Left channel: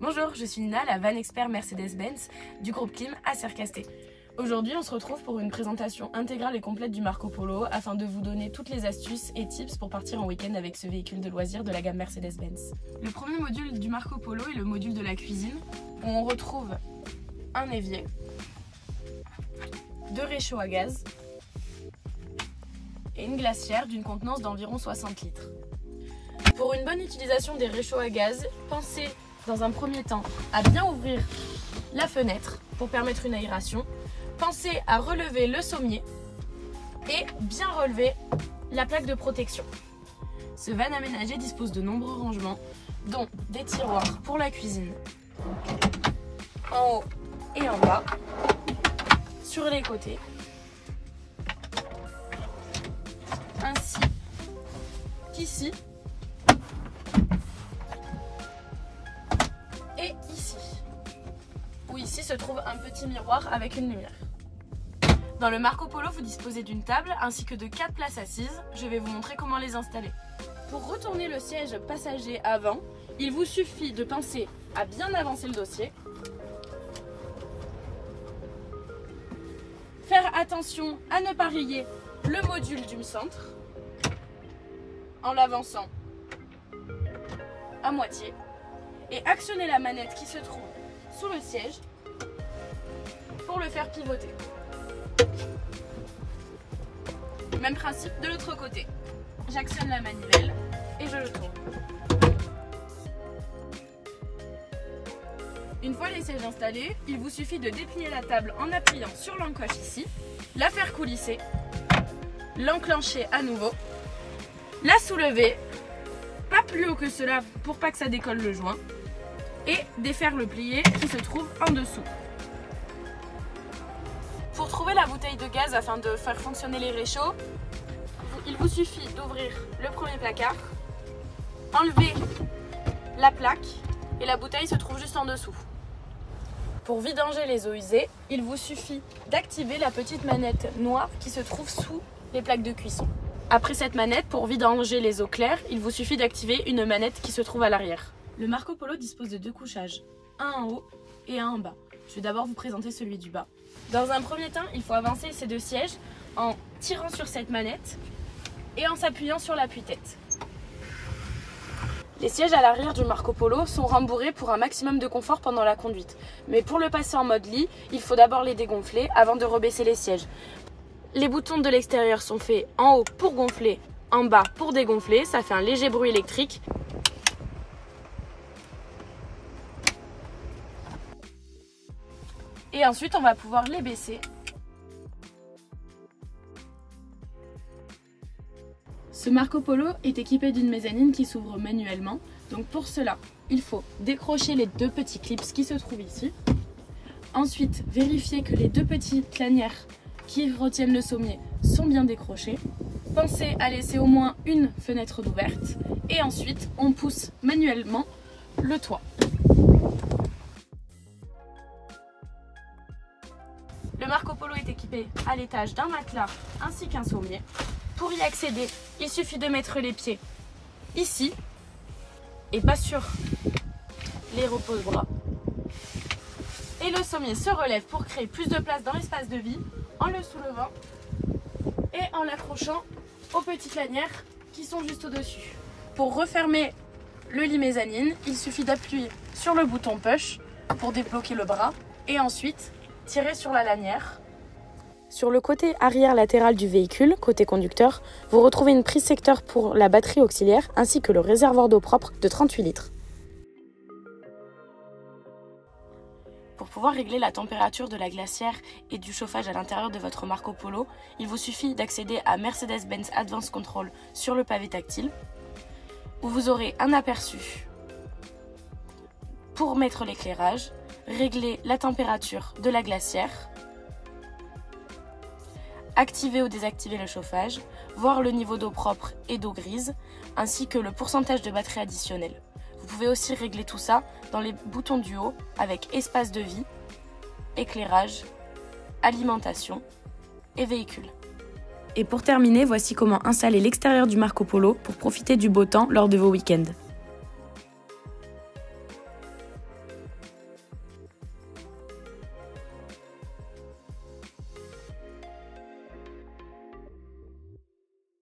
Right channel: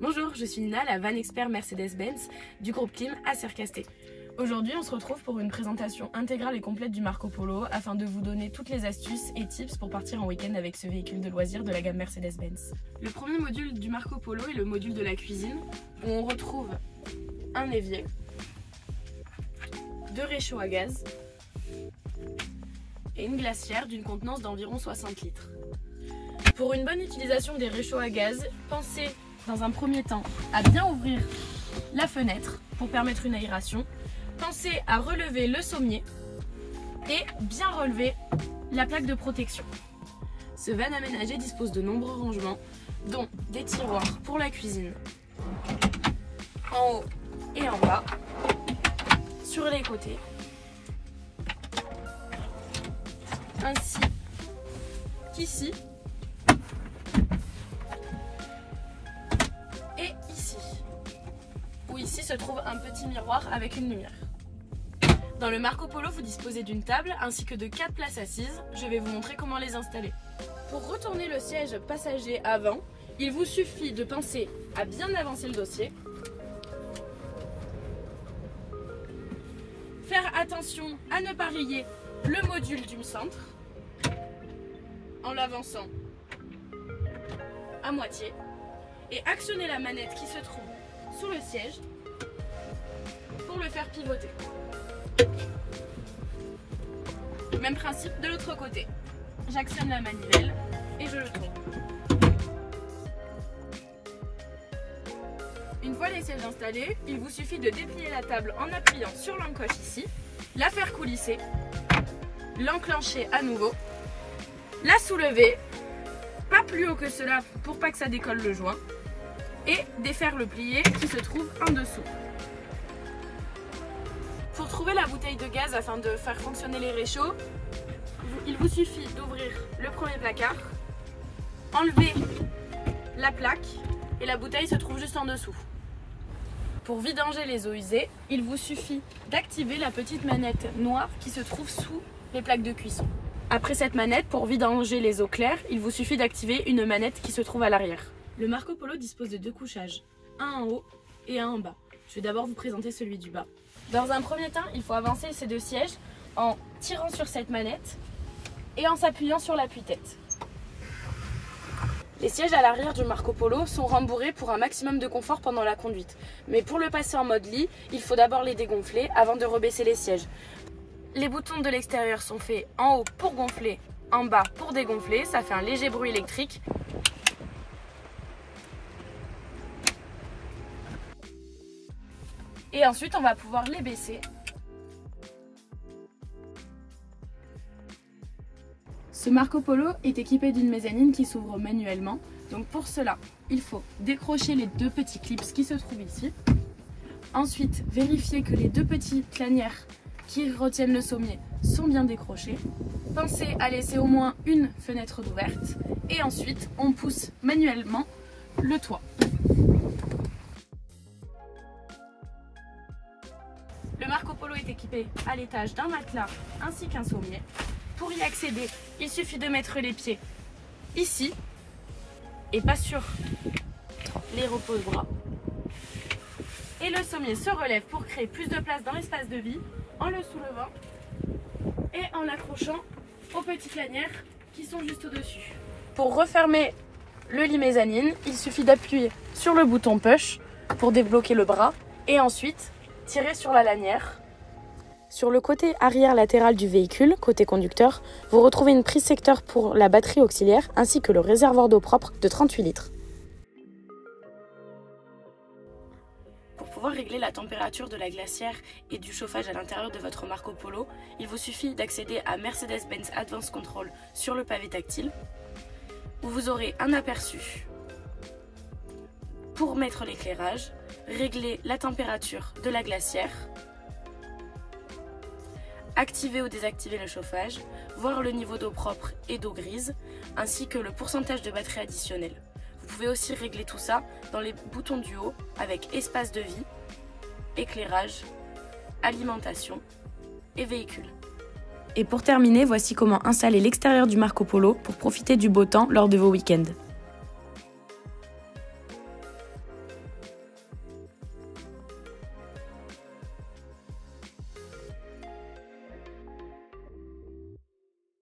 Bonjour, je suis Nina, la van expert Mercedes-Benz du groupe Klim à Sercasté. Aujourd'hui, on se retrouve pour une présentation intégrale et complète du Marco Polo afin de vous donner toutes les astuces et tips pour partir en week-end avec ce véhicule de loisirs de la gamme Mercedes-Benz. Le premier module du Marco Polo est le module de la cuisine où on retrouve un évier, 2 réchauds à gaz et une glacière d'une contenance d'environ 60 litres. Pour une bonne utilisation des réchauds à gaz, pensez dans un premier temps à bien ouvrir la fenêtre pour permettre une aération. Pensez à relever le sommier et bien relever la plaque de protection. Ce van aménagé dispose de nombreux rangements, dont des tiroirs pour la cuisine, en haut et en bas, sur les côtés, ainsi qu'ici et ici, où ici se trouve un petit miroir avec une lumière. Dans le Marco Polo, vous disposez d'une table ainsi que de 4 places assises. Je vais vous montrer comment les installer. Pour retourner le siège passager avant, il vous suffit de penser à bien avancer le dossier. Faire attention à ne pas rayer le module du centre en l'avançant à moitié et actionner la manette qui se trouve sous le siège pour le faire pivoter. Même principe de l'autre côté. J'actionne la manivelle et je le tourne. Une fois les sièges installés, il vous suffit de déplier la table en appuyant sur l'encoche ici, la faire coulisser, l'enclencher à nouveau, la soulever, pas plus haut que cela pour pas que ça décolle le joint, et défaire le plié qui se trouve en dessous. Pour trouver la bouteille de gaz afin de faire fonctionner les réchauds, il vous suffit d'ouvrir le premier placard, enlever la plaque et la bouteille se trouve juste en dessous. Pour vidanger les eaux usées, il vous suffit d'activer la petite manette noire qui se trouve sous les plaques de cuisson. Après cette manette, pour vidanger les eaux claires, il vous suffit d'activer une manette qui se trouve à l'arrière. Le Marco Polo dispose de 2 couchages, un en haut et un en bas. Je vais d'abord vous présenter celui du bas. Dans un premier temps, il faut avancer ces 2 sièges en tirant sur cette manette et en s'appuyant sur l'appui-tête. Les sièges à l'arrière du Marco Polo sont rembourrés pour un maximum de confort pendant la conduite. Mais pour le passer en mode lit, il faut d'abord les dégonfler avant de rebaisser les sièges. Les boutons de l'extérieur sont faits en haut pour gonfler, en bas pour dégonfler. Ça fait un léger bruit électrique. Et ensuite, on va pouvoir les baisser. Ce Marco Polo est équipé d'une mezzanine qui s'ouvre manuellement. Donc pour cela, il faut décrocher les 2 petits clips qui se trouvent ici. Ensuite, vérifier que les 2 petites lanières qui retiennent le sommier sont bien décrochées. Pensez à laisser au moins une fenêtre d'ouverte. Et ensuite, on pousse manuellement le toit. Le Marco Polo est équipé à l'étage d'un matelas ainsi qu'un sommier. Pour y accéder, il suffit de mettre les pieds ici et pas sur les repose-bras. Et le sommier se relève pour créer plus de place dans l'espace de vie en le soulevant et en l'accrochant aux petites lanières qui sont juste au-dessus. Pour refermer le lit mezzanine, il suffit d'appuyer sur le bouton push pour débloquer le bras et ensuite tirer sur la lanière. Sur le côté arrière latéral du véhicule, côté conducteur, vous retrouvez une prise secteur pour la batterie auxiliaire ainsi que le réservoir d'eau propre de 38 litres. Pour pouvoir régler la température de la glacière et du chauffage à l'intérieur de votre Marco Polo, il vous suffit d'accéder à Mercedes-Benz Advanced Control sur le pavé tactile, où vous aurez un aperçu pour mettre l'éclairage, régler la température de la glacière, activer ou désactiver le chauffage, voir le niveau d'eau propre et d'eau grise, ainsi que le pourcentage de batterie additionnelle. Vous pouvez aussi régler tout ça dans les boutons du haut avec espace de vie, éclairage, alimentation et véhicule. Et pour terminer, voici comment installer l'extérieur du Marco Polo pour profiter du beau temps lors de vos week-ends.